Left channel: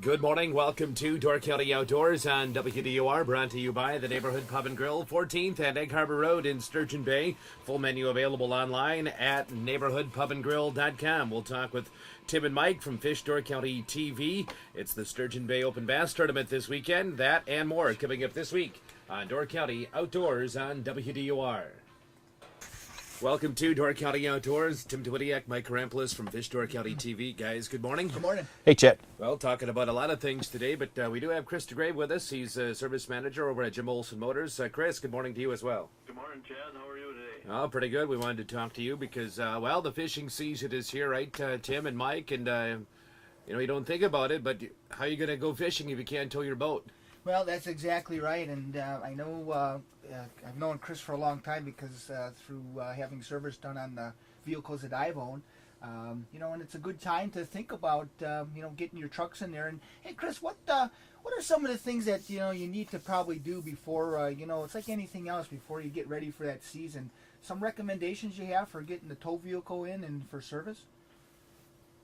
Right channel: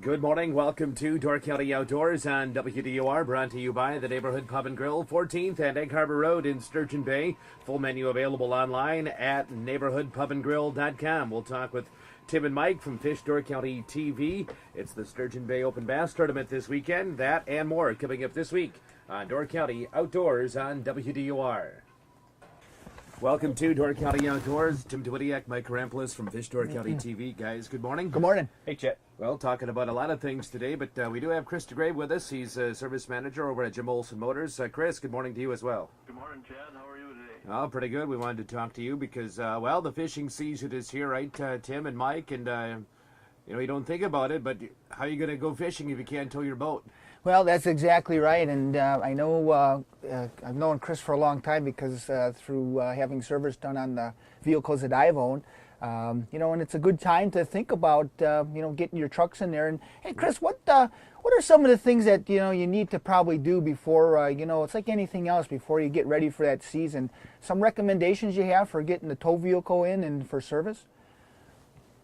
Good morning. Welcome to Door County Outdoors on WDOR, brought to you by the Neighborhood Pub and Grill, 14th and Egg Harbor Road in Sturgeon Bay. Full menu available online at neighborhoodpubandgrill.com. We'll talk with Tim and Mike from Fish Door County TV. It's the Sturgeon Bay Open Bass Tournament this weekend. That and more coming up this week on Door County Outdoors on WDOR. Welcome to Door County Outdoors. Tim Dwidiak, Mike Karampoulos from Fish Door County TV. Guys, good morning. Good morning. Hey, Chet. Well, talking about a lot of things today, but we do have Chris Degrave with us. He's a service manager over at Jim Olson Motors. Chris, good morning to you as well. Good morning, Chad. How are you today? Oh, pretty good. We wanted to talk to you because, well, the fishing season is here, right, Tim and Mike? And, you don't think about it, but how are you going to go fishing if you can't tow your boat? Well, that's exactly right, and I know I've known Chris for a long time because through having service done on the vehicles that I've owned, and it's a good time to think about, getting your trucks in there. And hey, Chris, what are some of the things that you need to probably do before it's like anything else before you get ready for that season? Some recommendations you have for getting the tow vehicle in and for service?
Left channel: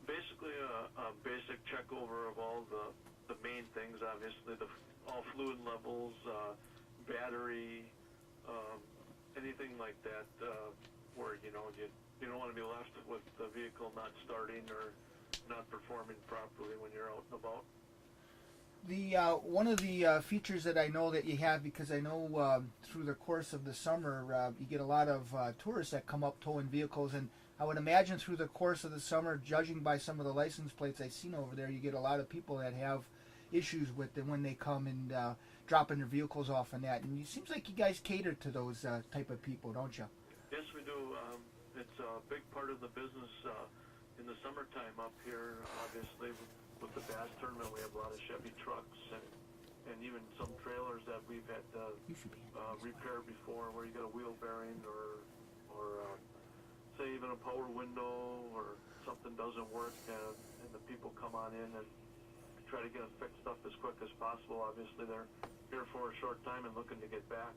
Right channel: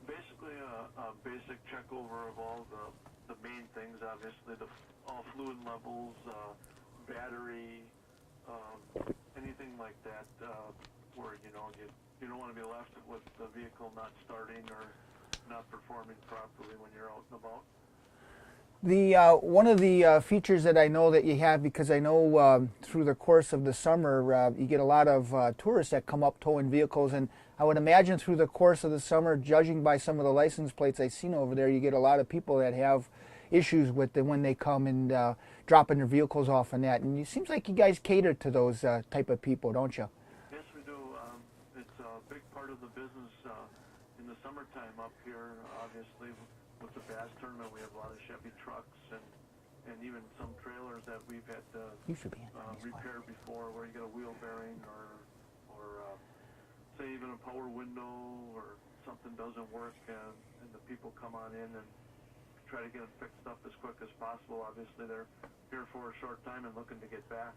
Basically, a basic check over of all the main things. Obviously, all fluid levels, battery, anything like that, where you don't want to be left with the vehicle not starting or not performing properly when you're out and about. The one of the features that I know that you have, because I know through the course of the summer you get a lot of tourists that come up towing vehicles, and I would imagine through the course of the summer, judging by some of the license plates I've seen over there, you get a lot of people that have issues with them when they come and dropping their vehicles off and that. And it seems like you guys cater to those type of people, don't you? Yes, we do. It's a big part of the business in the summertime up here. Obviously, with the bass tournament, we have a lot of Chevy trucks and even some trailers that we've had to repair before, where you get a wheel bearing or say even a power window or something doesn't work, and the people come on in and try to get them fixed up as quick as possible. Obviously, they're here for a short time and looking to get back.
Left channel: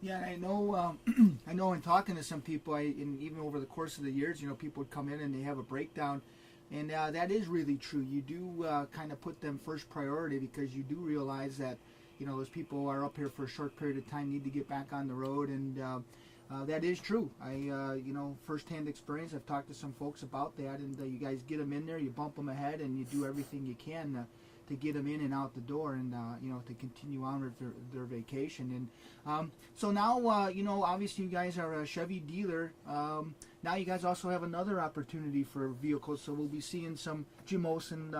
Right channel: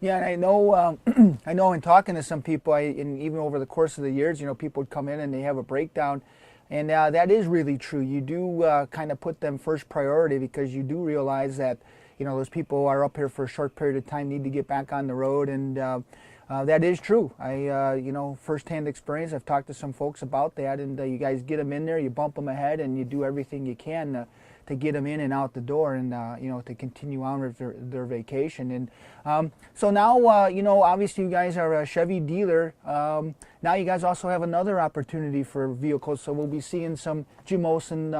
Yeah, and I know, I know in talking to some people, and even over the course of the years, people would come in and they have a breakdown, and that is really true. You do kind of put them first priority because you do realize that, those people are up here for a short period of time, need to get back on the road, and that is true. I, firsthand experience. I've talked to some folks about that, and you guys get them in there, you bump them ahead, and you do everything you can to get them in and out the door, and to continue on with their vacation. And so now, obviously you guys are a Chevy dealer. Now you guys also have another opportunity for vehicles, so we'll be seeing some Jim Olson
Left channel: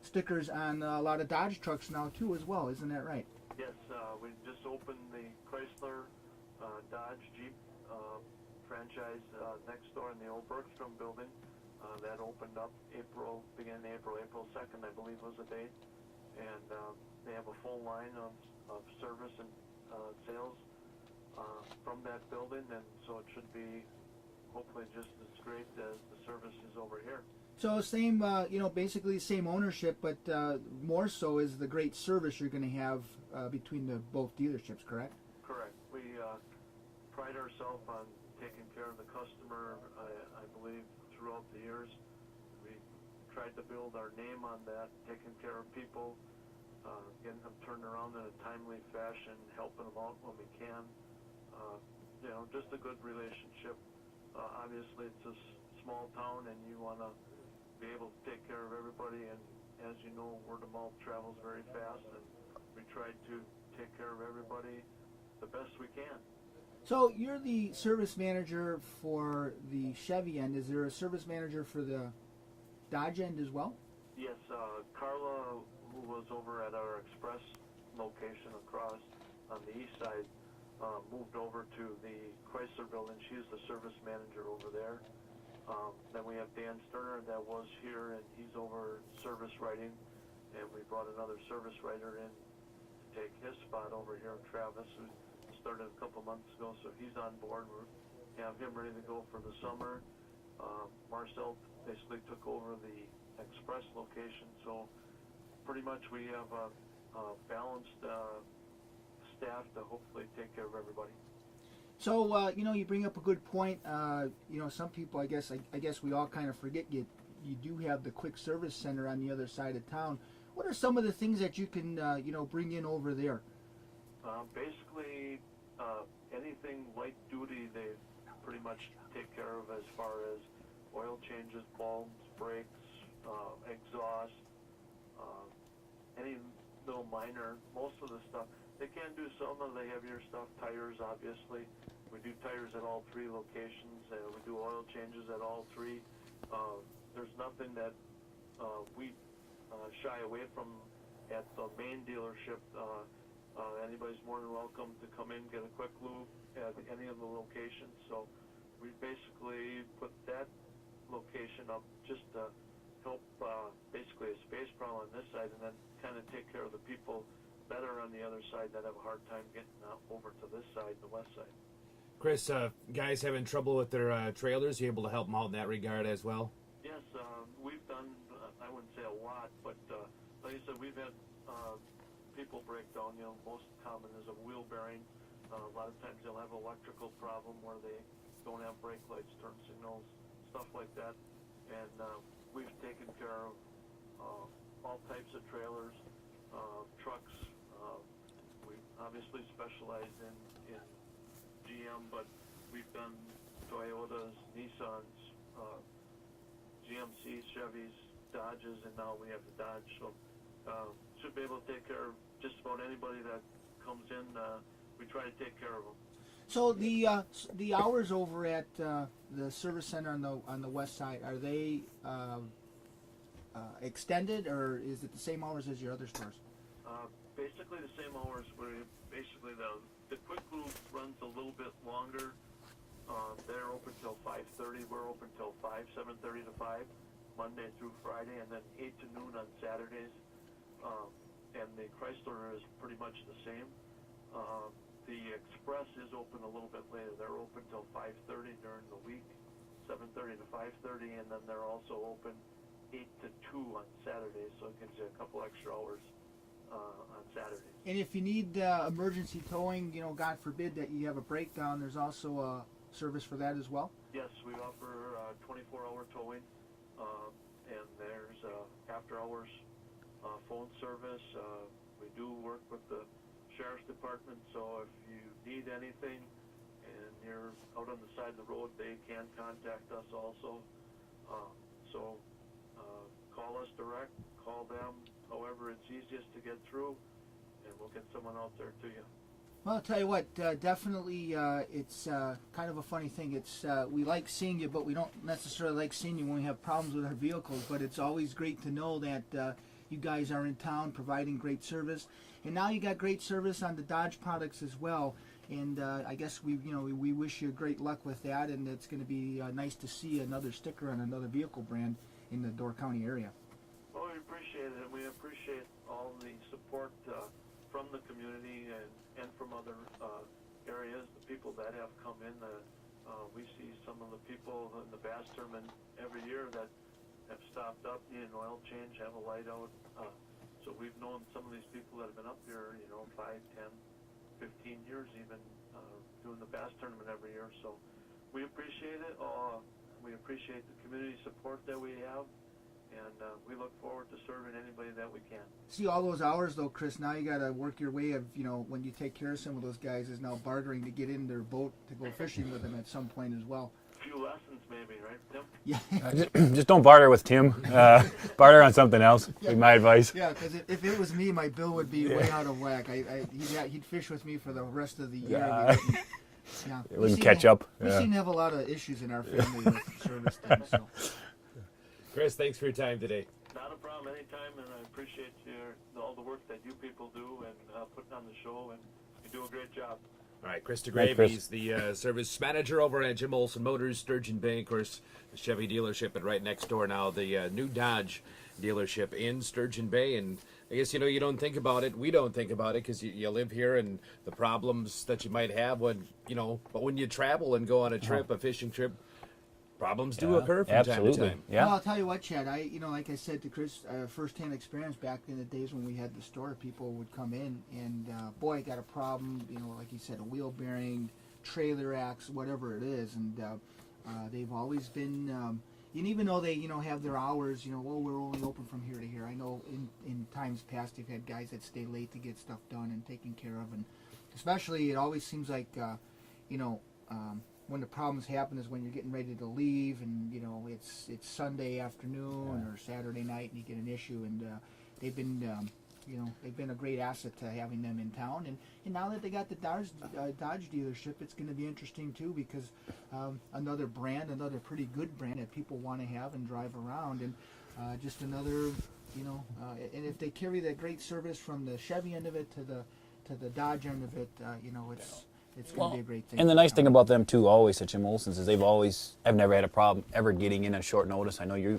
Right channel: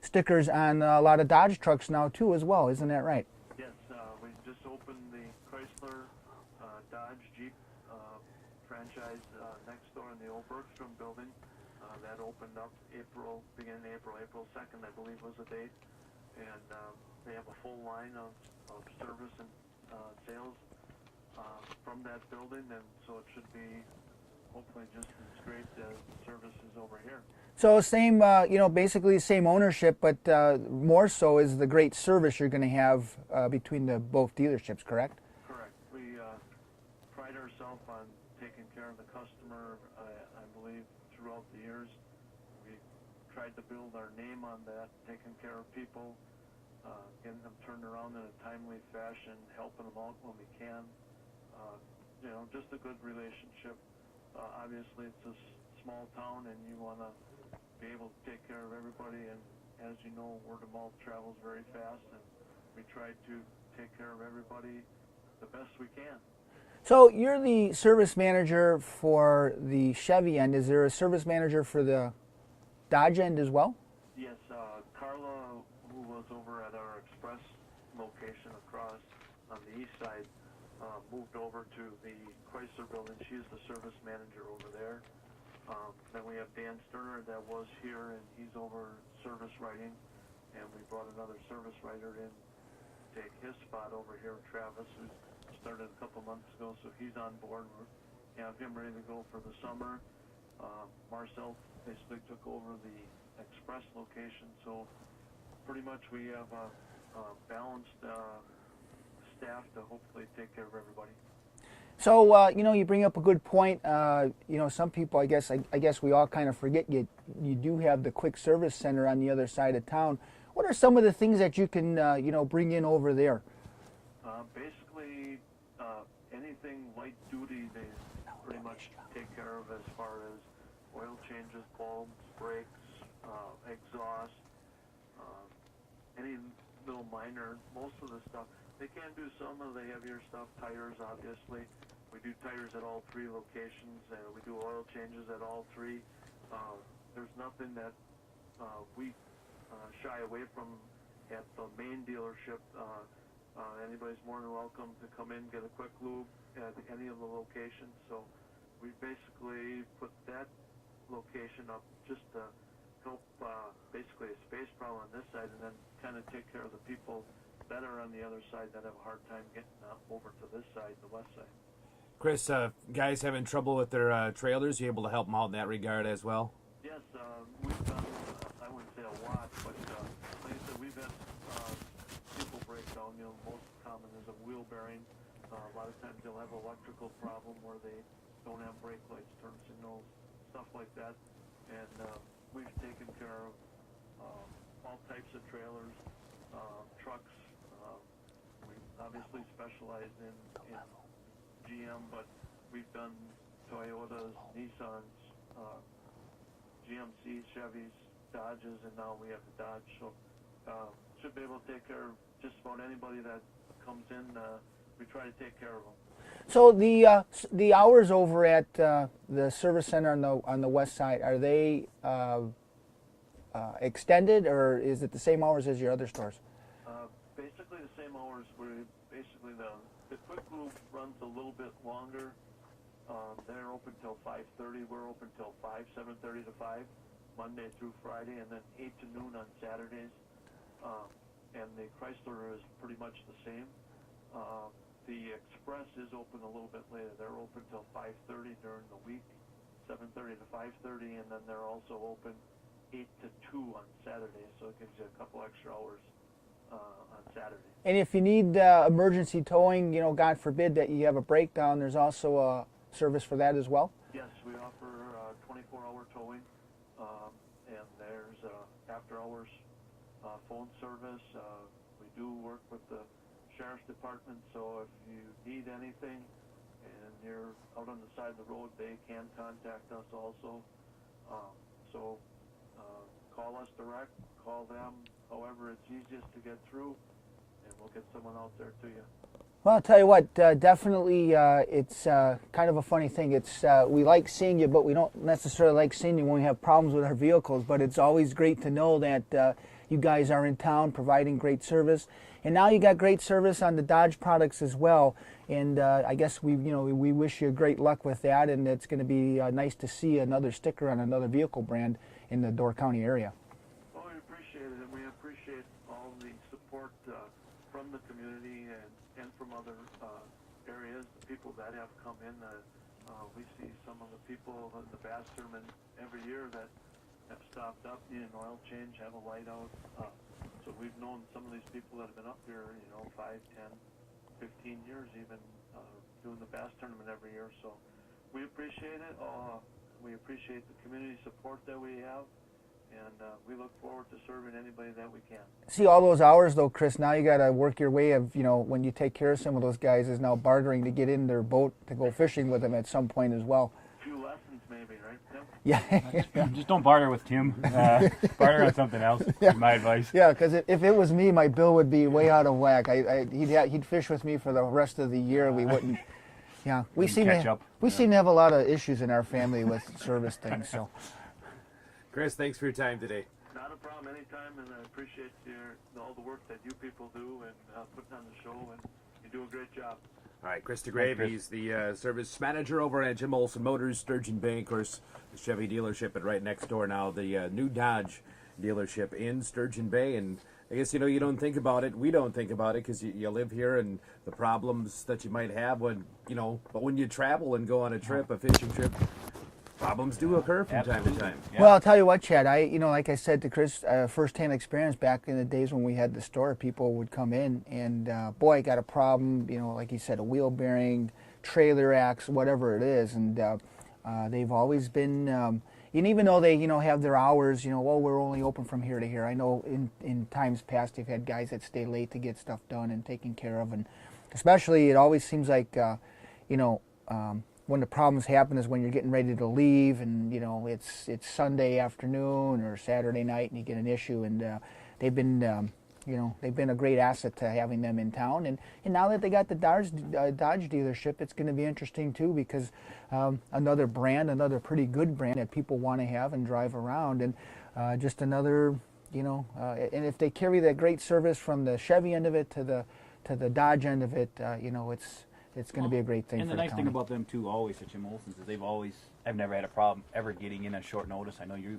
stickers on a lot of Dodge trucks now too, as well. Isn't that right? Yes, we just opened the Chrysler Dodge Jeep franchise next door in the old Bergstrom building. That opened up beginning April 2nd, I believe was the date. And they have a full line of service and sales from that building, and so it should be hopefully just as great as the services over here. So same, basically same ownership, but more so is the great service you're going to have between the both dealerships, correct? Correct. We pride ourselves on taking care of the customer. I believe throughout the years, we tried to build our name on that, taking care of people, getting them turned around in a timely fashion, helping them out when we can. Just a good relationship. Obviously, it's a small town, and you want to be able to take care of everybody. And as you know, word of mouth travels very fast, and we try to take care of everybody the best we can. So you're the service manager for the Chevy end. Is there a service manager for the Dodge end as well? Yes, Carla, who was over at our Express location across on the east side, moved over to the Chrysler building. She's the service manager over there. Then we have Dan Sterner that was here, and he's over service writing. And we brought another service writer in to take his spot over here, Travis, who started a couple months ago, so he's on board. We have him ready to go for the summer. Marcel basically took over the Express location, so pretty much we have a balanced staff to hopefully take care of everybody. So you bring up a good point. Some people, I guess we all kind of forget you do have the quick service center on the other side of town. What are some of the things that you can bring in over there? Basically, anything light duty they pretty much take care of as far as oil changes, bulbs, brakes, exhaust, any little minor, most of the stuff. They can do some of the heavier stuff, tires obviously. We do tires at all 3 locations, and we do oil changes at all 3. There's nothing that we shy away from at the main dealership. Anybody's more than welcome to come in, get a quick lube at any of the locations. So we basically put that location up just to help basically a space problem on this side, and then kind of take care of the people that are on the other side that have a hard time getting over to this side, the west side. Chris, guys having trouble with their trailers, you able to help them out in that regard as well? Yes, we've done, I wouldn't say a lot, but like I said, we've had people break down. Most common is a wheel bearing. A lot of times they'll have an electrical problem where they don't have brake lights, turn signals, stuff like that. And we've taken care of all types of trailers, trucks. We obviously specialize in GM, but we've done Toyotas, Nissans, GMCs, Chevys, Dodges, and now we have the Dodge. So should be able to take care of just about anybody that comes in. We try to take care of them. So the hours over at the service center on the west side, are they extended, or is it the same hours as your other stores? Basically the same hours. Basically the quick lube runs a little bit longer. They're open till 5:30. We're open till 7:30 to 5, Monday through Friday, and then 8 to noon on Saturdays. And the Chrysler is pretty much the same. The Express is open a little bit later. They're open till 5:30 during the week, 7:30 to 5:30, and then they're also open 8 to 2 on Saturdays, so it gives you a couple extra hours on Saturdays. And if you need emergency towing, God forbid that you have a breakdown, there's also a service for that as well? Yes, we offer 24-hour towing, and there's after-hours phone service. We do work with the Sheriff's Department, so if you need anything and you're out on the side of the road, they can contact us also. So call us direct, call them, however it's easiest to get through, and we'll get someone out there to you. Well, I'll tell you what, definitely it's kind of a funny thing. It's we like seeing you, but we don't necessarily like seeing you when we have problems with our vehicles, but it's always great to know that you guys are in town providing great service. And now you got great service on the Dodge products as well. And I guess we wish you great luck with that, and it's going to be nice to see another sticker on another vehicle brand in the Door County area. Well, we appreciate it, and we appreciate all the support from the community and from other areas, the people that have come in. We see some of the people in the Bass Tournament every year that have stopped up, need an oil change, have a light out. So we've known some of these people that have been up here, 5, 10, 15 years even, doing the Bass Tournament every year. So we appreciate it. We appreciate the community support that we have, and we look forward to serving anybody that we can. See, all those hours though, Chris, now you got to work your way of, when you take care of some of those guys, is now bartering to get in their boat to go fishing with them at some point as well. A few lessons maybe, right, Tim? Yeah. Just don't barter with Tim. Barter on something else. Yeah. My advice. Yeah, because if it was me, my bill would be way out of whack. He'd fish with me for the rest of the year. We wouldn't. Yeah, we seem catch up. We seem to have a lot of issues in our family with service things. So, Chris, thanks for your time today. Not a problem, anytime, and I appreciate all the work that you people do and putting on the show, and you do a great job. All right, Chris Degrave, he's the service manager over at Jim Olson Motors, Sturgeon Bay, of course, the Chevy dealership, and right next door now, the new Dodge dealership in Sturgeon Bay. And I guess, you don't think about it. We don't think about it because you live here and the problems that you might have when, but when you travel and go on a trip, a fishing trip, problems do occur from time to time. Yeah. Well, I'll tell you what, Chad, like I said to Chris, first-hand experience back in the days when we had the store, people would come in and, boy, I got a problem, like you said, a wheel bearing, trailer axe, whatever it is, and they've always been, and even though they, have their hours, well, we're only open from here to here. I know in times past they've had guys that stay late to get stuff done and taken care of, and especially it always seems like, when the problems happen is when you're getting ready to leave, and it's Sunday afternoon or Saturday night, and you get an issue, and they've been a great asset to having them in town, and now that they got the Dodge dealership, it's going to be interesting too, because another pretty good brand that people want to have and drive around, and just another, and if they carry that great service from the Chevy end of it to the Dodge end of it, it's going to be a great thing. And the nice thing about them too, always at Jim Olson's, is I've never had a problem ever getting in on short notice. I know you've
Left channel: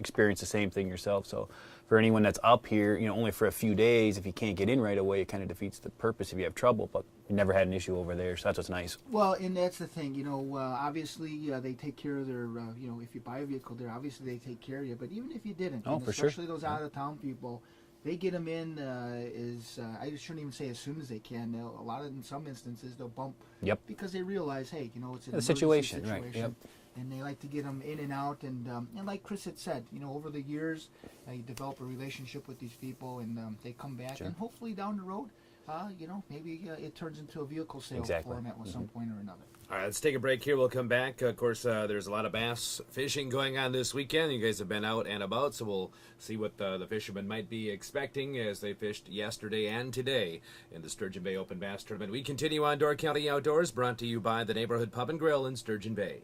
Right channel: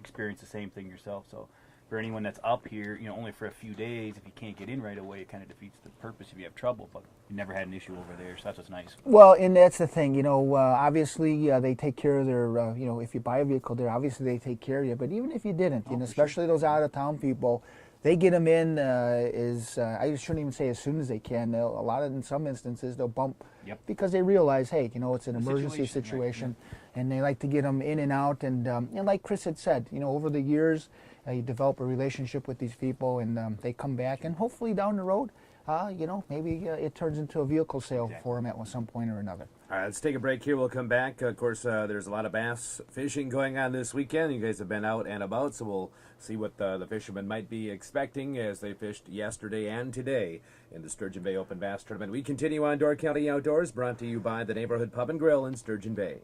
experienced the same thing yourself, so. For anyone that's up here, only for a few days, if you can't get in right away, it kind of defeats the purpose if you have trouble. But you never had an issue over there, so that's what's nice. Well, and that's the thing, obviously they take care of their, if you buy a vehicle there, obviously they take care of you. But even if you didn't, and especially those out-of-town people, they get them in I shouldn't even say as soon as they can. In some instances, they'll bump because they realize, hey, it's an emergency situation. Right. And they like to get them in and out. And like Chris had said, over the years, you develop a relationship with these people, and they come back. Sure. And hopefully down the road, maybe it turns into a vehicle sale for them at some point or another. All right, let's take a break here. We'll come back. Of course, there's a lot of bass fishing going on this weekend. You guys have been out and about, so we'll see what the fishermen might be expecting as they fished yesterday and today in the Sturgeon Bay Open Bass Tournament. We continue on Door County Outdoors, brought to you by the Neighborhood Pub and Grill in Sturgeon Bay.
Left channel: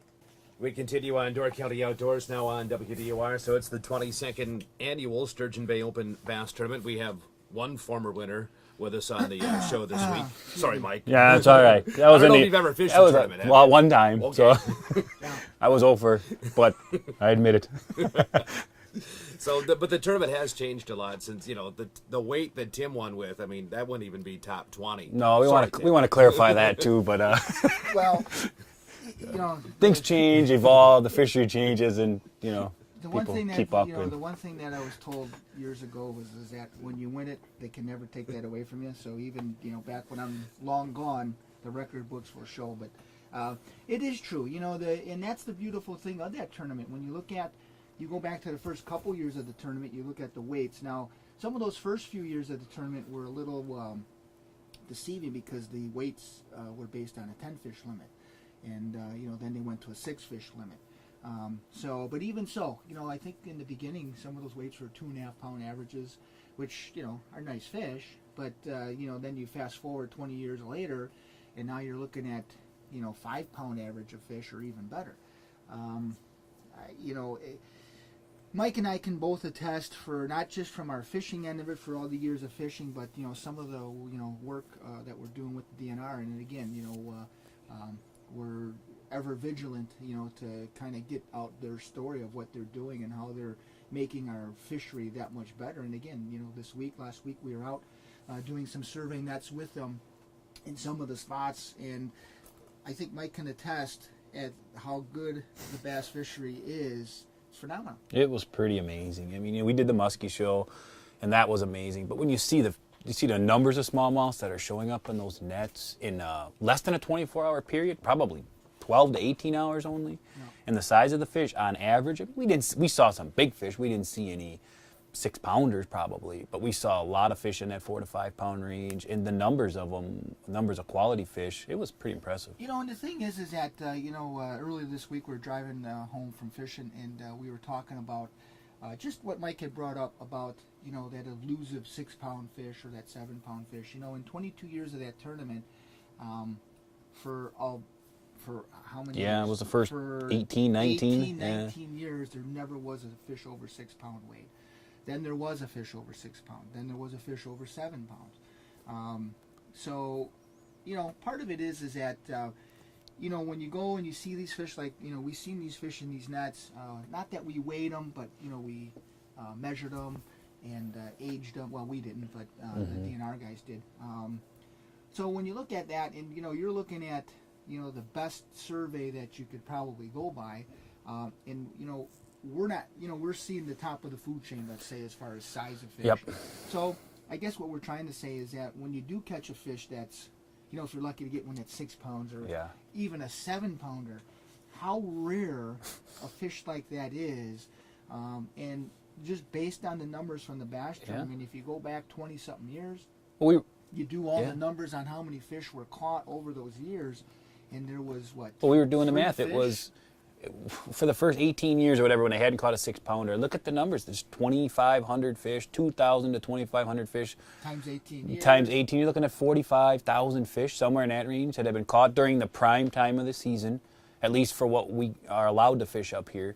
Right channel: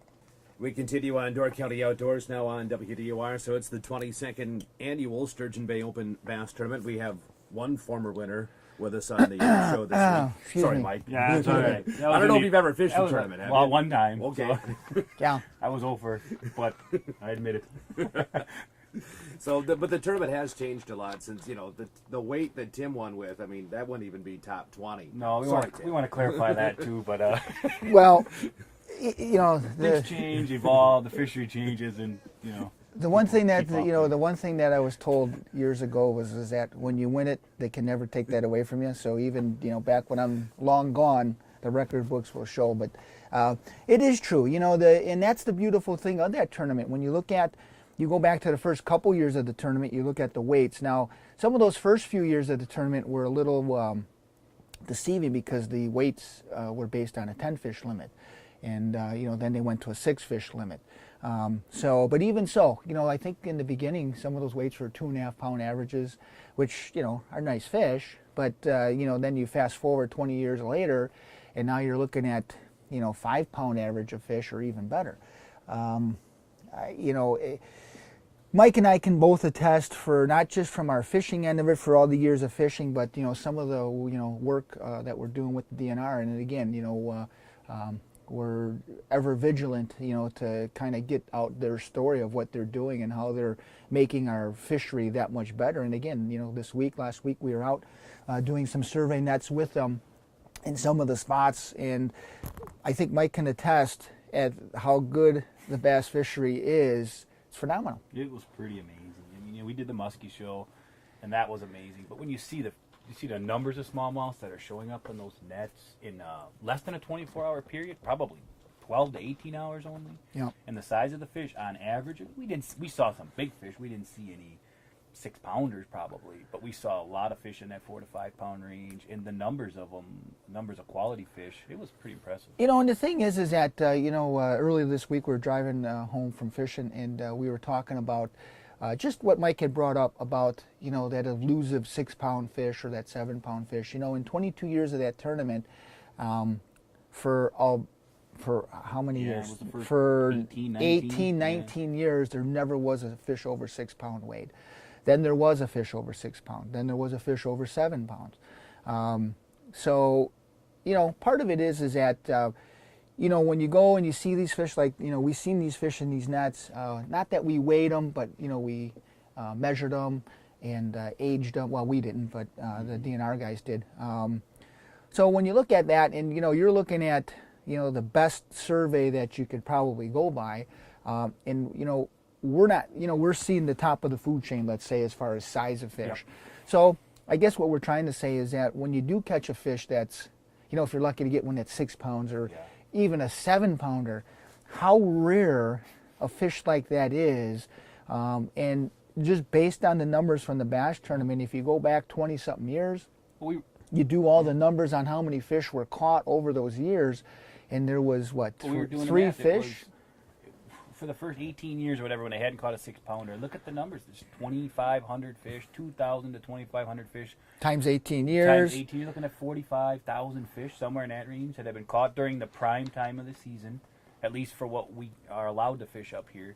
We continue on Door County Outdoors now on WDOR, so it's the 22nd annual Sturgeon Bay Open Bass Tournament. We have one former winner with us on the show this week. Sorry, Mike. Yeah, that's all right. I don't know if you've ever fished a tournament. Well, one time. Okay. So yeah, I was over, but I admit it. So, but the tournament has changed a lot since the weight that Tim won with. I mean, that wouldn't even be top 20. No, we want to clarify that too, but well. Things change, evolve, the fishery changes, and the one thing that the one thing that I was told years ago was that when you win it, they can never take that away from you. So even back when I'm long gone, the record books will show. But it is true, and that's the beautiful thing of that tournament. When you go back to the first couple years of the tournament, you look at the weights. Now, some of those first few years of the tournament were a little deceiving because the weights were based on a 10-fish limit. And then they went to a 6-fish limit. But even so, I think in the beginning some of those weights were 2.5-pound averages, which are nice fish. But then you fast forward 20 years later, and now you're looking at 5-pound average of fish, or even better. Mike and I can both attest for not just from our fishing end of it for all the years of fishing, but some of the work that we're doing with the DNR, and again we're ever vigilant, to kind of get out their story of what they're doing and how they're making our fishery that much better. And again, last week we were out doing some survey nets with them in some of the spots, and I think Mike can attest at how good the bass fishery is. It's phenomenal. It was pretty amazing. I mean, we did the muskie show, and that was amazing. But when you see the numbers of smallmouths that are showing up in those nets in less than a 24-hour period, probably 12 to 18 hours only. Yeah. And the size of the fish, on average, we saw some big fish. We didn't see any 6-pounders probably, but we saw a lot of fish in that 4 to 5 pound range. And the numbers of them, numbers of quality fish, it was pretty impressive. And the thing is that earlier this week we were driving home from fishing, and we were talking about. Just what Mike had brought up about, that elusive 6-pound fish or that 7-pound fish. In 22 years of that tournament, for how many years? Yeah, it was the first 18, 19 years, there never was a fish over 6-pound weight. Then there was a fish over 6 pounds. Then there was a fish over 7 pounds. So, part of it is that, when you go and you see these fish, like, we've seen these fish in these nets, not that we weighed them, but, we measured them and aged them. Well, we didn't, but the DNR guys did. So when you look at that and, you're looking at, the best survey that you could probably go by, and, we're not, we're seeing the top of the food chain, let's say, as far as size of fish. Yep. So I guess what we're trying to say is that when you do catch a fish that's, if you're lucky to get one that's 6 pounds or even a 7-pounder, how rare a fish like that is, and just based on the numbers from the bass tournament, if you go back 20-something years, you do all the numbers on how many fish were caught over those years, and there was, what, we were doing the math. fish? It was, for the first 18 years or whatever, when they hadn't caught a 6-pounder, look at the numbers. There's 2,500 fish, 2,000 to 2,500 fish. Times 18 years. Times 18, you're looking at 45,000 fish, somewhere in that range, that have been caught during the prime time of the season, at least for what we are allowed to fish up here,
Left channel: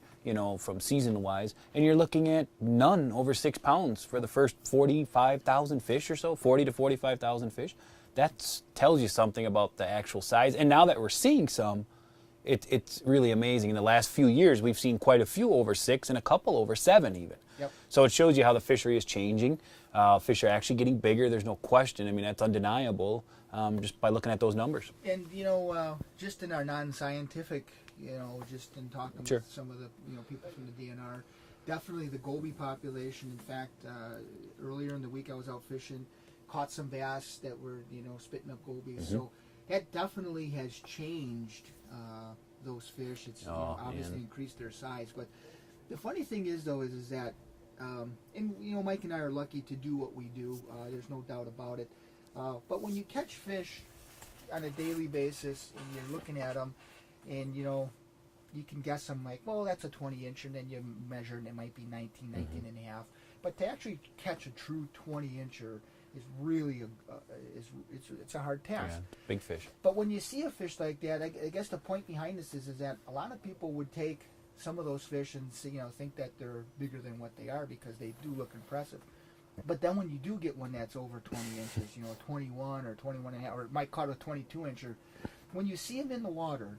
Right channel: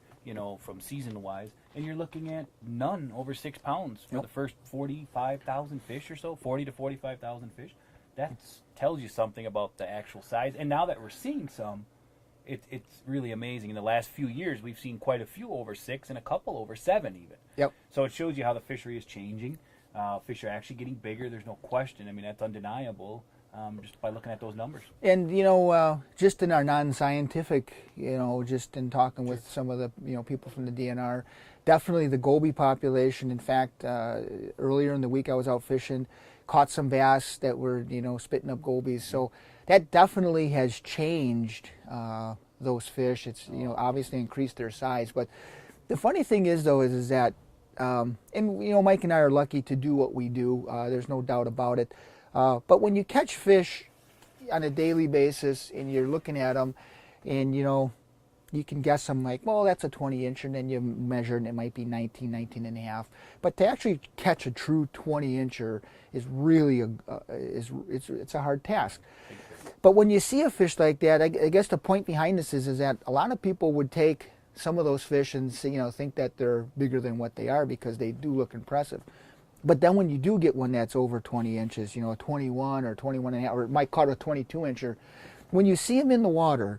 from season-wise. And you're looking at none over 6 pounds for the first 45,000 fish or so, 40 to 45,000 fish. That tells you something about the actual size. And now that we're seeing some, it's really amazing. In the last few years, we've seen quite a few over 6 and a couple over 7 even. Yep. So it shows you how the fishery is changing. Fish are actually getting bigger. There's no question. I mean, that's undeniable just by looking at those numbers. And, just in our non-scientific, just in talking with some of the, people from the DNR, definitely the goby population. In fact, earlier in the week I was out fishing, caught some bass that were, spitting up gobies. Mm-hmm. So that definitely has changed those fish. It's, obviously increased their size. But the funny thing is, though, is that, and, Mike and I are lucky to do what we do. There's no doubt about it. But when you catch fish on a daily basis and you're looking at them and, you can guess them like, well, that's a 20-incher, and then you measure and it might be 19 and a half. But to actually catch a true 20-incher is really it's a hard task. Yeah, big fish. But when you see a fish like that, I guess the point behind this is that a lot of people would take some of those fish and think that they're bigger than what they are because they do look impressive. But then when you do get one that's over 20 inches, a 21 or 21 and a half, or it might caught a 22-incher, when you see them in the water,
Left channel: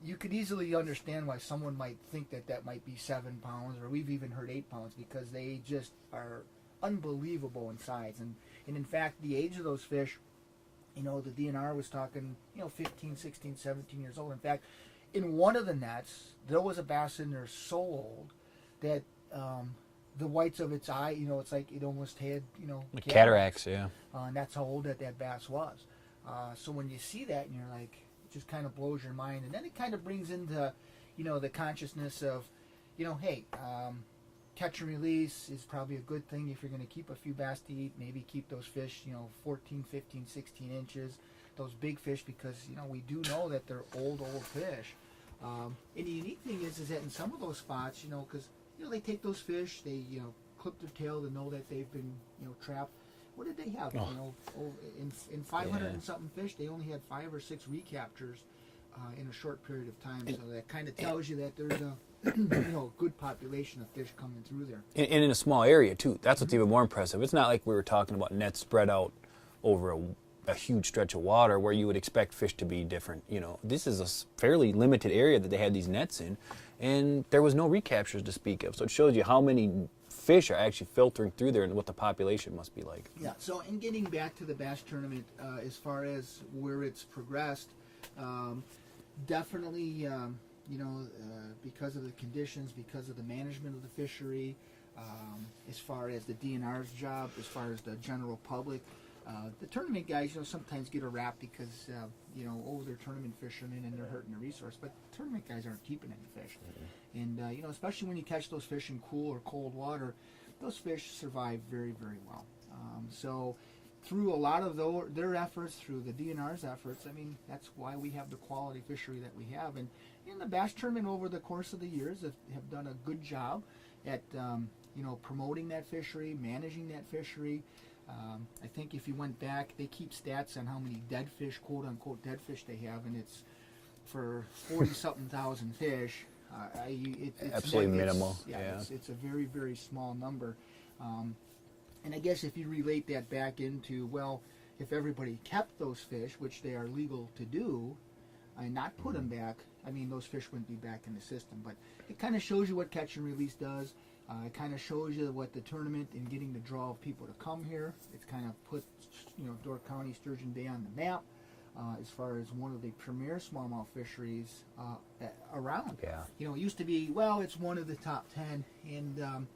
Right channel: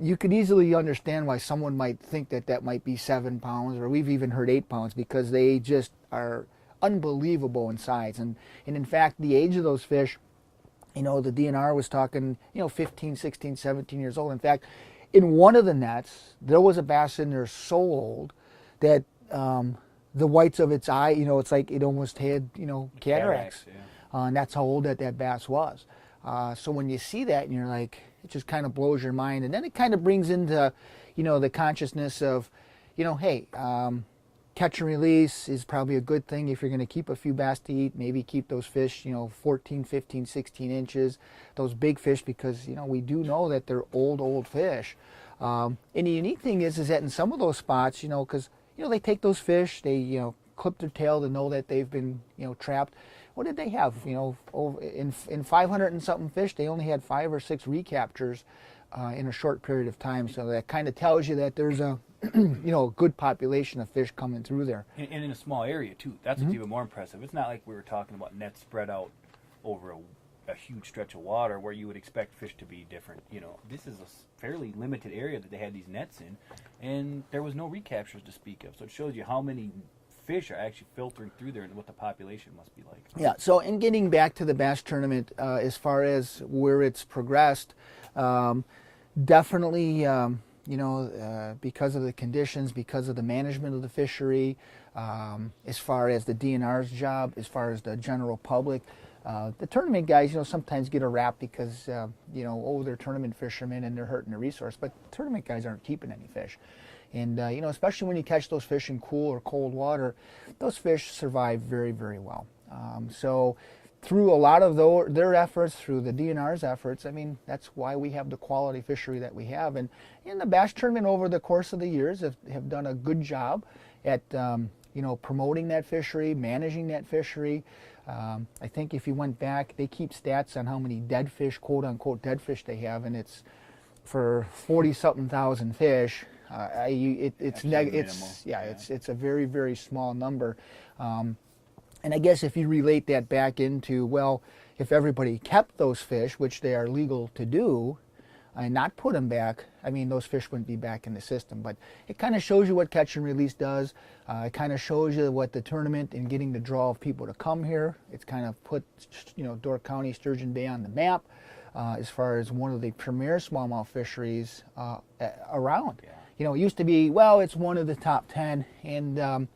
you could easily understand why someone might think that might be 7 pounds, or we've even heard 8 pounds, because they just are unbelievable in size. And in fact, the age of those fish, the DNR was talking, 15, 16, 17 years old. In fact, in one of the nets, there was a bass in there so old that the whites of its eye, it's like it almost had, cataracts. Yeah. And that's how old that bass was. So when you see that and you're like, it just kind of blows your mind. And then it kind of brings into, the consciousness of, hey, catch and release is probably a good thing if you're going to keep a few bass to eat. Maybe keep those fish, 14, 15, 16 inches, those big fish, because, we do know that they're old fish. And the unique thing is that in some of those spots, because, they take those fish, they, clip their tail to know that they've been, trapped. What did they have? Over in 500 and something fish, they only had 5 or 6 recaptures in a short period of time. So that kind of tells you that there's a good population of fish coming through there. And in a small area too. That's what's even more impressive. It's not like we were talking about nets spread out over a huge stretch of water where you would expect fish to be different. This is a fairly limited area that they had these nets in, and there was no recaptures to speak of. So it shows you how many fish are actually filtering through there and what the population must be like. Yeah, so in getting back to the bass tournament, as far as where it's progressed, definitely, because of the conditions, because of the management of the fishery, as far as the DNR's job, as far as the general public, the tournament guys, sometimes get a rap because, they're tournament fishermen and they're hurting the resource, but tournament guys aren't keeping any fish. And, especially when you catch those fish in cool or cold water, those fish survive very, very well. So through a lot of their efforts, through the DNR's efforts, that's why we have the quality fishery that we have. And the bass tournament over the course of the years have done a good job at, promoting that fishery, managing that fishery. I think if you went back, they keep stats on how many dead fish, quote unquote dead fish they have, and it's for 40-something thousand fish. It's minimal. It's a very, very small number. And I guess if you relate that back into, well, if everybody kept those fish, which they are legal to do, and not put them back, those fish wouldn't be back in the system. But it kind of shows you what catch and release does. It kind of shows you what the tournament and getting the draw of people to come here. It's kind of put, Door County, Sturgeon Bay on the map as far as one of the premier smallmouth fisheries around. Yeah. It used to be, well, it's one of the top 10. And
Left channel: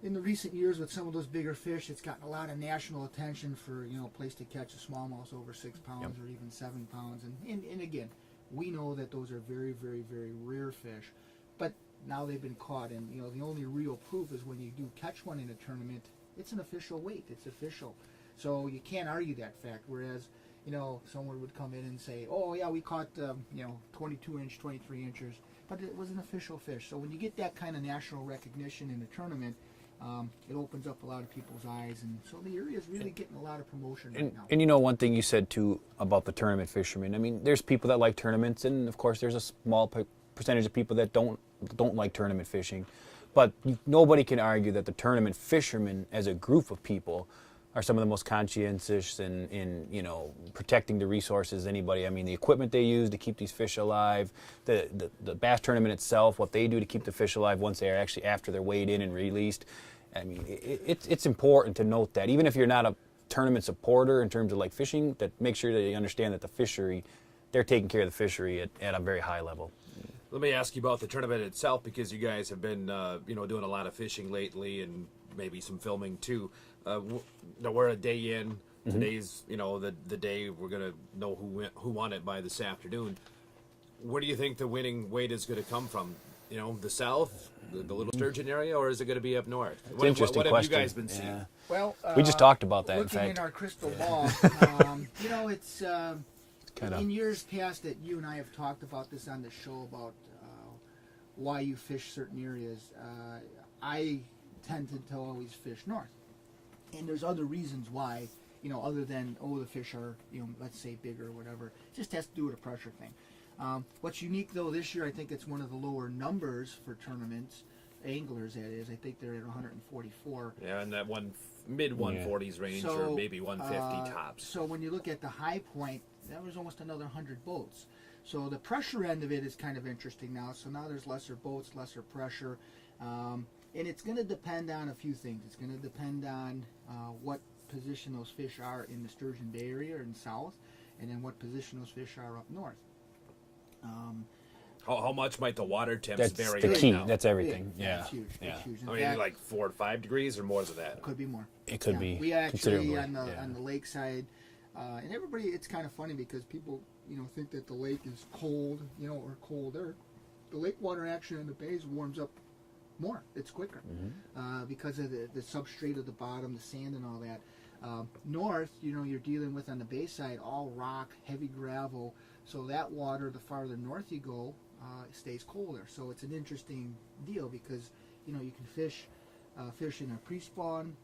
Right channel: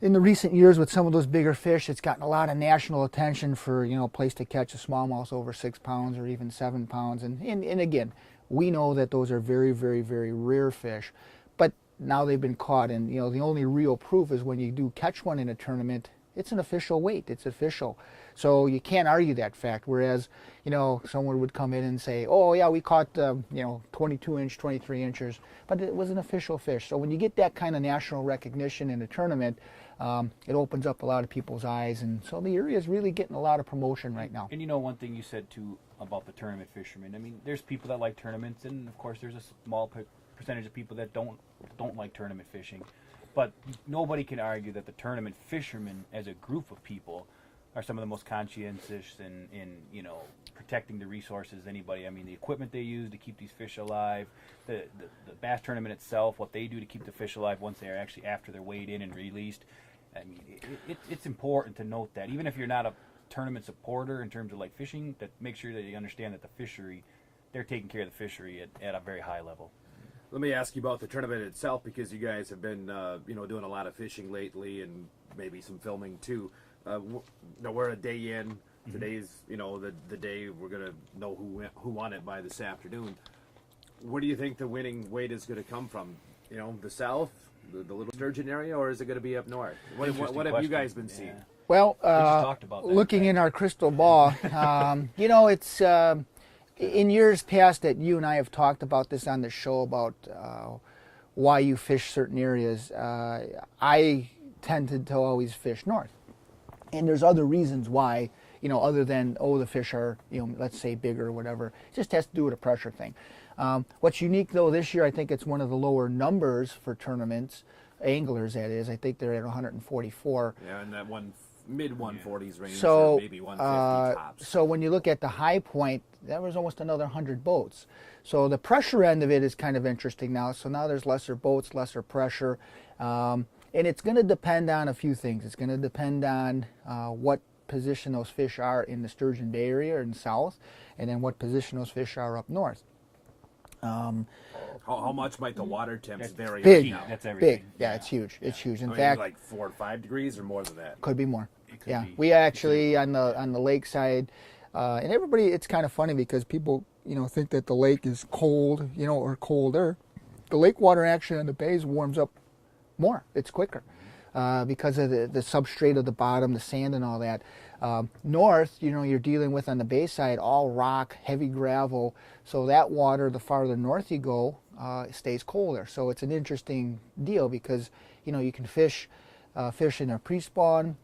in the recent years with some of those bigger fish, it's gotten a lot of national attention for, a place to catch a smallmouth over 6 pounds or even 7 pounds. And again, We know that those are very, very, very rare fish, but now they've been caught, and you know the only real proof is when you do catch one in a tournament, it's an official weight, it's official. So you can't argue that fact. Whereas, you know, someone would come in and say, oh yeah, we caught, you know, 22 inch, 23 inches, but it was an official fish. So when you get that kind of national recognition in a tournament, it opens up a lot of people's eyes, and so the area is really getting a lot of promotion right now. And you know, one thing you said too about the tournament fishermen, I mean, there's people that like tournaments, and of course there's a small percentage of people that don't like tournament fishing. But nobody can argue that the tournament fishermen as a group of people are some of the most conscientious in you know, protecting the resources anybody. I mean, the equipment they use to keep these fish alive, the bass tournament itself, what they do to keep the fish alive once they are actually after they're weighed in and released. I mean, it's important to note that. Even if you're not a tournament supporter in terms of like fishing, that make sure that you understand that the fishery, they're taking care of the fishery at a very high level. Let me ask you about the tournament itself, because you guys have been, you know, doing a lot of fishing lately and maybe some filming too. We're a day in. Today's, you know, the day we're gonna know who won it by this afternoon. Where do you think the winning weight is going to come from? You know, the south, the Little Sturgeon area, or is it going to be up north? What have you guys been seeing? Yeah. Well, we just talked about that. Looking in our crystal ball, you know, it's in years past that you and I have talked about this on the show about why you fish certain areas. I tended to always fish north, and there's other reasons why. You know, other than the fish are, you know, let's say bigger or whatever. It just has to do with a pressure thing. What's unique though this year, I think it's one of the lower numbers for tournaments, anglers that is. I think they're at 144. Yeah, in that mid 140s range, so, or maybe 150 tops. So when you look at the high point, that was almost another 100 boats. So the pressure end of it is kind of interesting now. So now there's lesser boats, lesser pressure, and it's going to depend on a few things. It's going to depend on what position those fish are in the Sturgeon Bay area in the south, and then what position those fish are up north. How much might the water temps vary? big. Now? That's everything. Big. Yeah, it's huge. Yeah. It's huge. In I mean, fact, like 4 to 5 degrees or more than that. could be more. It could be. We actually considerable. on the lakeside, and everybody. It's kind of funny because people, you know, think that the lake is cold, you know, or colder. The lake water actually on the bays warms up more. It's quicker because of the substrate of the bottom, the sand, and all that. North, you know, you're dealing with on the bay side all rock, heavy gravel. So that water, the farther north you go, stays colder. So it's an interesting deal because, you know, you can fish in a pre-spawn,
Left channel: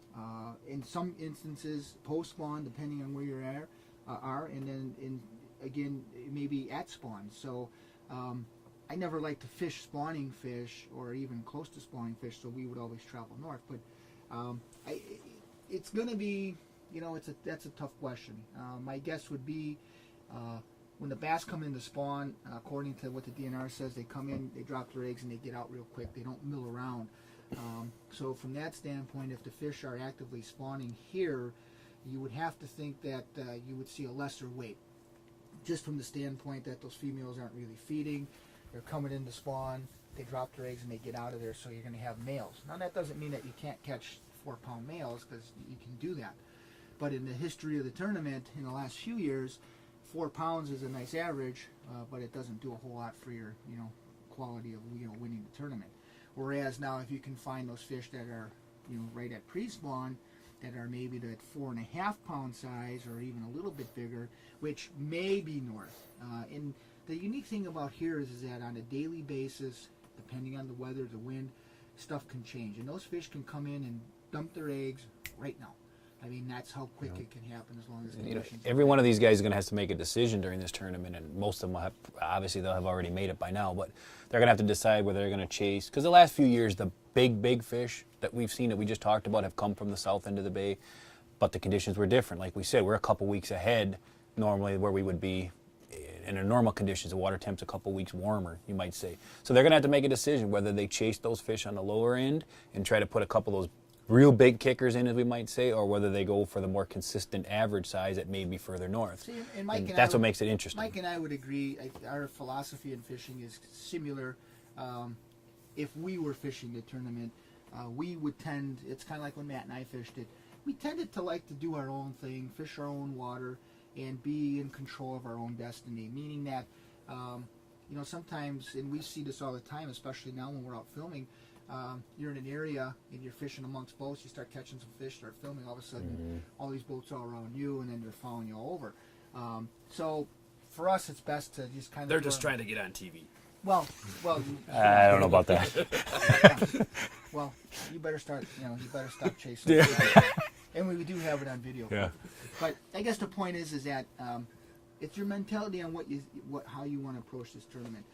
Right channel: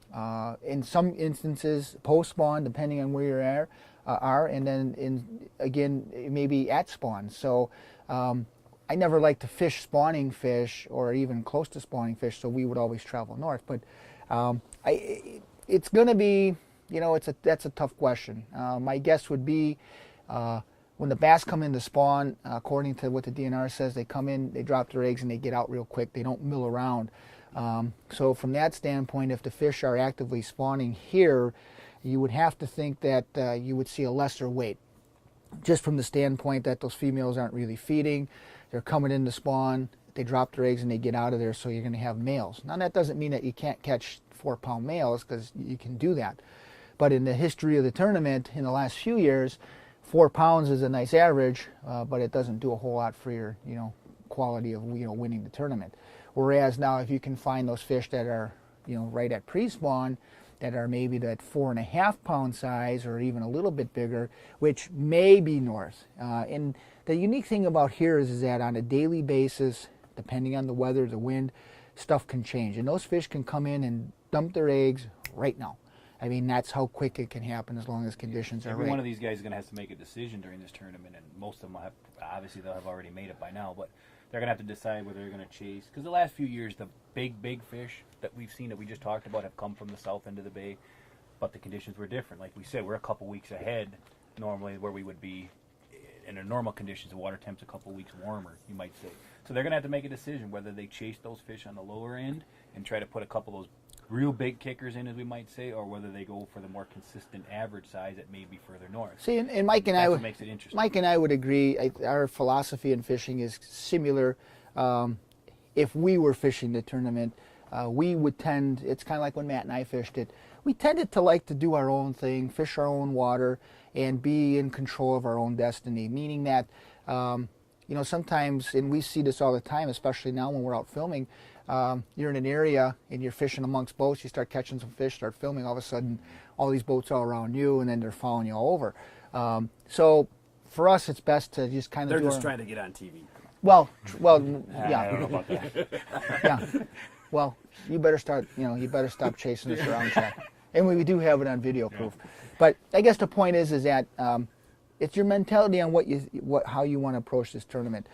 in some instances post-spawn, depending on where you are, and then again maybe at spawn. So I never like to fish spawning fish or even close to spawning fish, so we would always travel north. But it's going to be, you know, that's a tough question. My guess would be when the bass come in to spawn, according to what the DNR says, they come in, they drop their eggs, and they get out real quick. They don't mill around. So from that standpoint, if the fish are actively spawning here, you would have to think that you would see a lesser weight, just from the standpoint that those females aren't really feeding. They're coming in to spawn, they drop their eggs, and they get out of there, so you're going to have males. Now, that doesn't mean that you can't catch 4-pound males, because you can do that. But in the history of the tournament, in the last few years, 4 pounds is a nice average, but it doesn't do a whole lot for your, you know, quality of, you know, winning the tournament. Whereas now, if you can find those fish that are, you know, right at pre-spawn, that are maybe that 4.5-pound size or even a little bit bigger, which may be north. And the unique thing about here is that on a daily basis, depending on the weather, the wind, stuff can change. And those fish can come in and dump their eggs right now. I mean, that's how quick it can happen as long as conditions are Every right. one of these guys is going to have to make a decision during this tournament, and most of them will have, obviously they'll have already made it by now, but they're going to have to decide whether they're going to chase. Because the last few years, the big fish that we've seen that we just talked about have come from the south end of the bay, but the conditions were different. Like we said, we're a couple weeks ahead normally where we would be in our normal conditions. The water temp's a couple weeks warmer, you might say. So they're going to have to make a decision whether they chase those fish on the lower end and try to put a couple of those real big kickers in, as we might say, or whether they go for the more consistent average size that may be further north. See, and Mike and that's what makes it interesting. Mike and I would agree. Our philosophy in fishing is similar. If we were fishing the tournament, we would tend, it's kind of like when Matt and I fished it, we tended to like to do our own thing, fish our own water, and be in control of our own destiny, meaning that You know, sometimes, and we see this all the time, especially now when we're out filming, you're in an area and you're fishing amongst boats, you start catching some fish, start filming, all of a sudden all these boats are around you and then they're following you all over. So for us, it's best to just kind of... They're just trying to get on TV. Well, I don't know about that. yeah. Well, you better start, you better stop chasing us. And we do have it on video proof. But I guess the point is that it's your mentality on how you want to approach this tournament.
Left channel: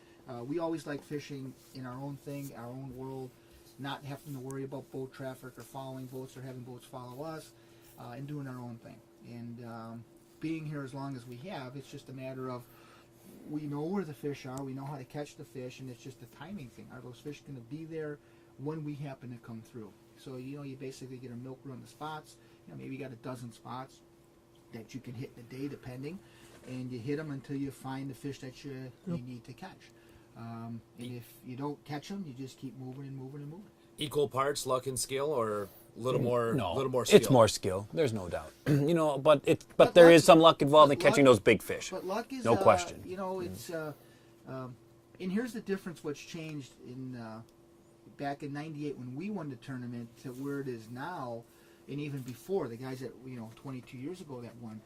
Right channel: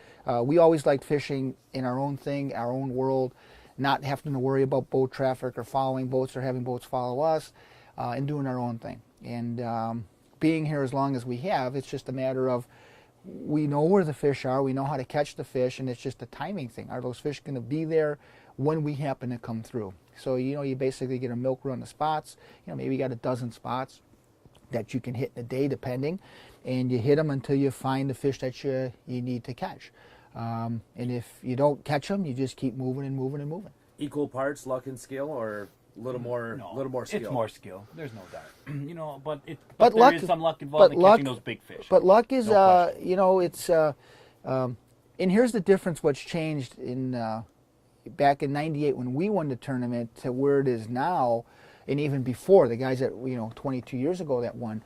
We always liked fishing in our own thing, our own world, not having to worry about boat traffic or following boats or having boats follow us, and doing our own thing. And being here as long as we have, it's just a matter of we know where the fish are, we know how to catch the fish, and it's just a timing thing. Are those fish going to be there when we happen to come through? So, you basically get a milk run of spots. Maybe you got a dozen spots that you can hit in a day, depending, and you hit them until you find the fish that you need to catch. And if you don't catch them, you just keep moving and moving and moving. Equal parts luck and skill, or a little more skill? It's more skill. There's no doubt. But luck there is some luck involved in catching those big fish. But luck is, no question. it's, and here's the difference. What's changed in back in '98 when we won the tournament to where it is now, and even before the guys that 22 years ago that won.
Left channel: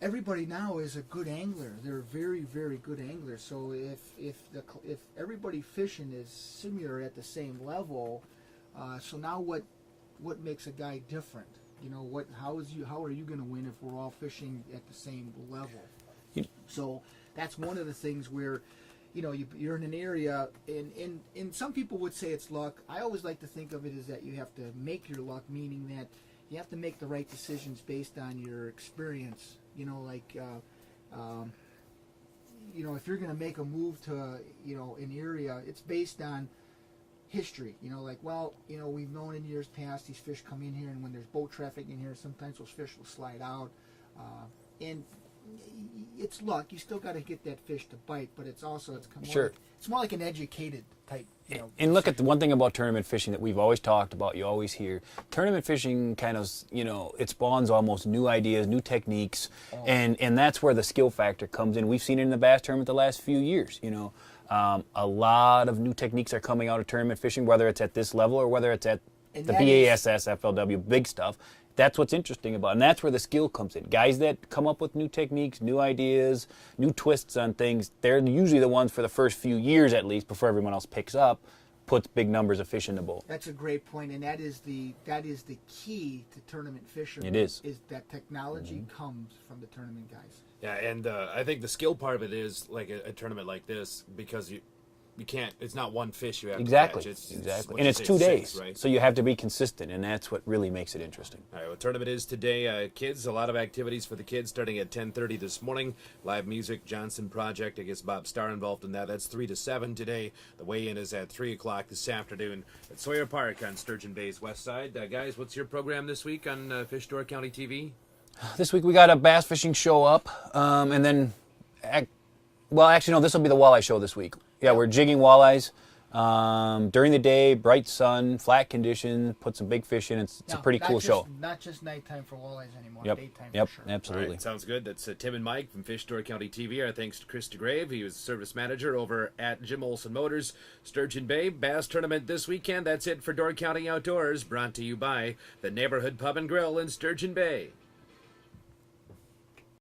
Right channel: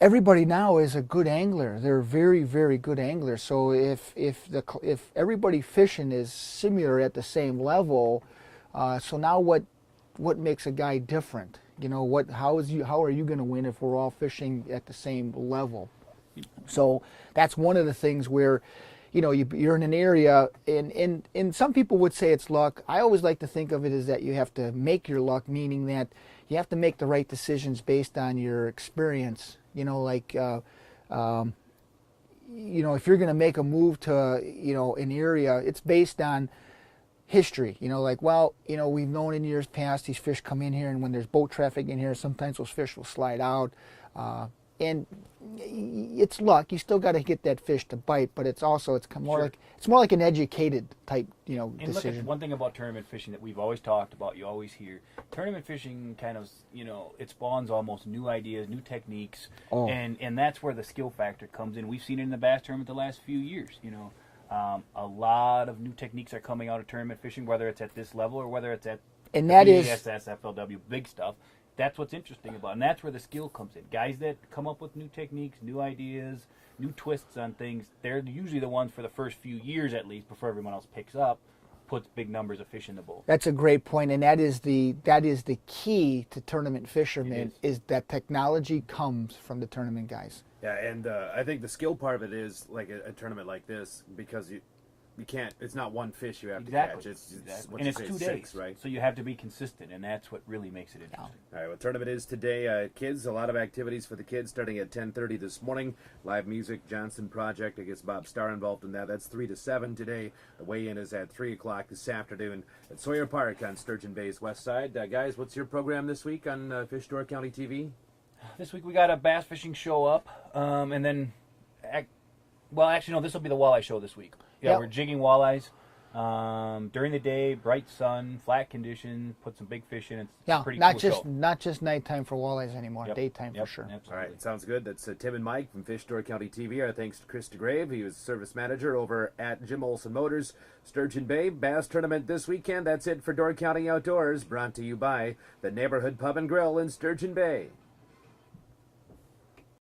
Everybody now is a good angler. They're very, very good anglers. So if everybody fishing is similar at the same level, so now what makes a guy different? How are you going to win if we're all fishing at the same level? So that's one of the things where, you're in an area, and some people would say it's luck. I always like to think of it as that you have to make your luck, meaning that you have to make the right decisions based on your experience. If you're going to make a move to, an area, it's based on history. We've known in years past these fish come in here, and when there's boat traffic in here, sometimes those fish will slide out. And it's luck. You still got to get that fish to bite, but it's more like an educated type, And look at the one thing about tournament fishing that we've always talked about, you always hear. Tournament fishing kind of, it spawns almost new ideas, new techniques, and that's where the skill factor comes in. We've seen it in the bass tournament the last few years, a lot of new techniques are coming out of tournament fishing, whether it's at this level or whether it's at the BASS, FLW, big stuff. That's what's interesting about it, and that's where the skill comes in. Guys that come up with new techniques, new ideas, new twists on things, they're usually the ones for the first few years at least, before everyone else picks up, puts big numbers of fish in the boat. That's a great point, and that is the key to tournament fishermen. It is that technology comes from the tournament guys. Yeah, and I think the skill part of it is like a tournament like this, because you can't. It's not one fish you have to catch. Exactly. And it's 2 days, right? So you have to be consistent, and that's what really makes it interesting. All right, well, tournament is today. Kids, a lot of activities for the kids starting at 10:30 this morning. Live music, Johnson Project. I guess Bob Starr involved in that. That's 3 to 7 today. The weigh-in is at 3 o'clock this afternoon at Sawyer Park on Sturgeon Bay's west side. Guys, what's your program this week on Fish Door County TV? This week we got a bass fishing show up, and then, actually, no, this will be the walleye show this week. Yeah, we're jigging walleyes during the day, bright sun, flat conditions, put some big fish in. It's a pretty cool show. Not just nighttime for walleyes anymore, daytime for sure. Absolutely. All right, sounds good. That's Tim and Mike from Fish Door County TV. Our thanks to Chris Degrave. He was service manager over at Jim Olson Motors, Sturgeon Bay. Bass tournament this weekend. That's it for Door County Outdoors, brought to you by the Neighborhood Pub and Grill in Sturgeon Bay.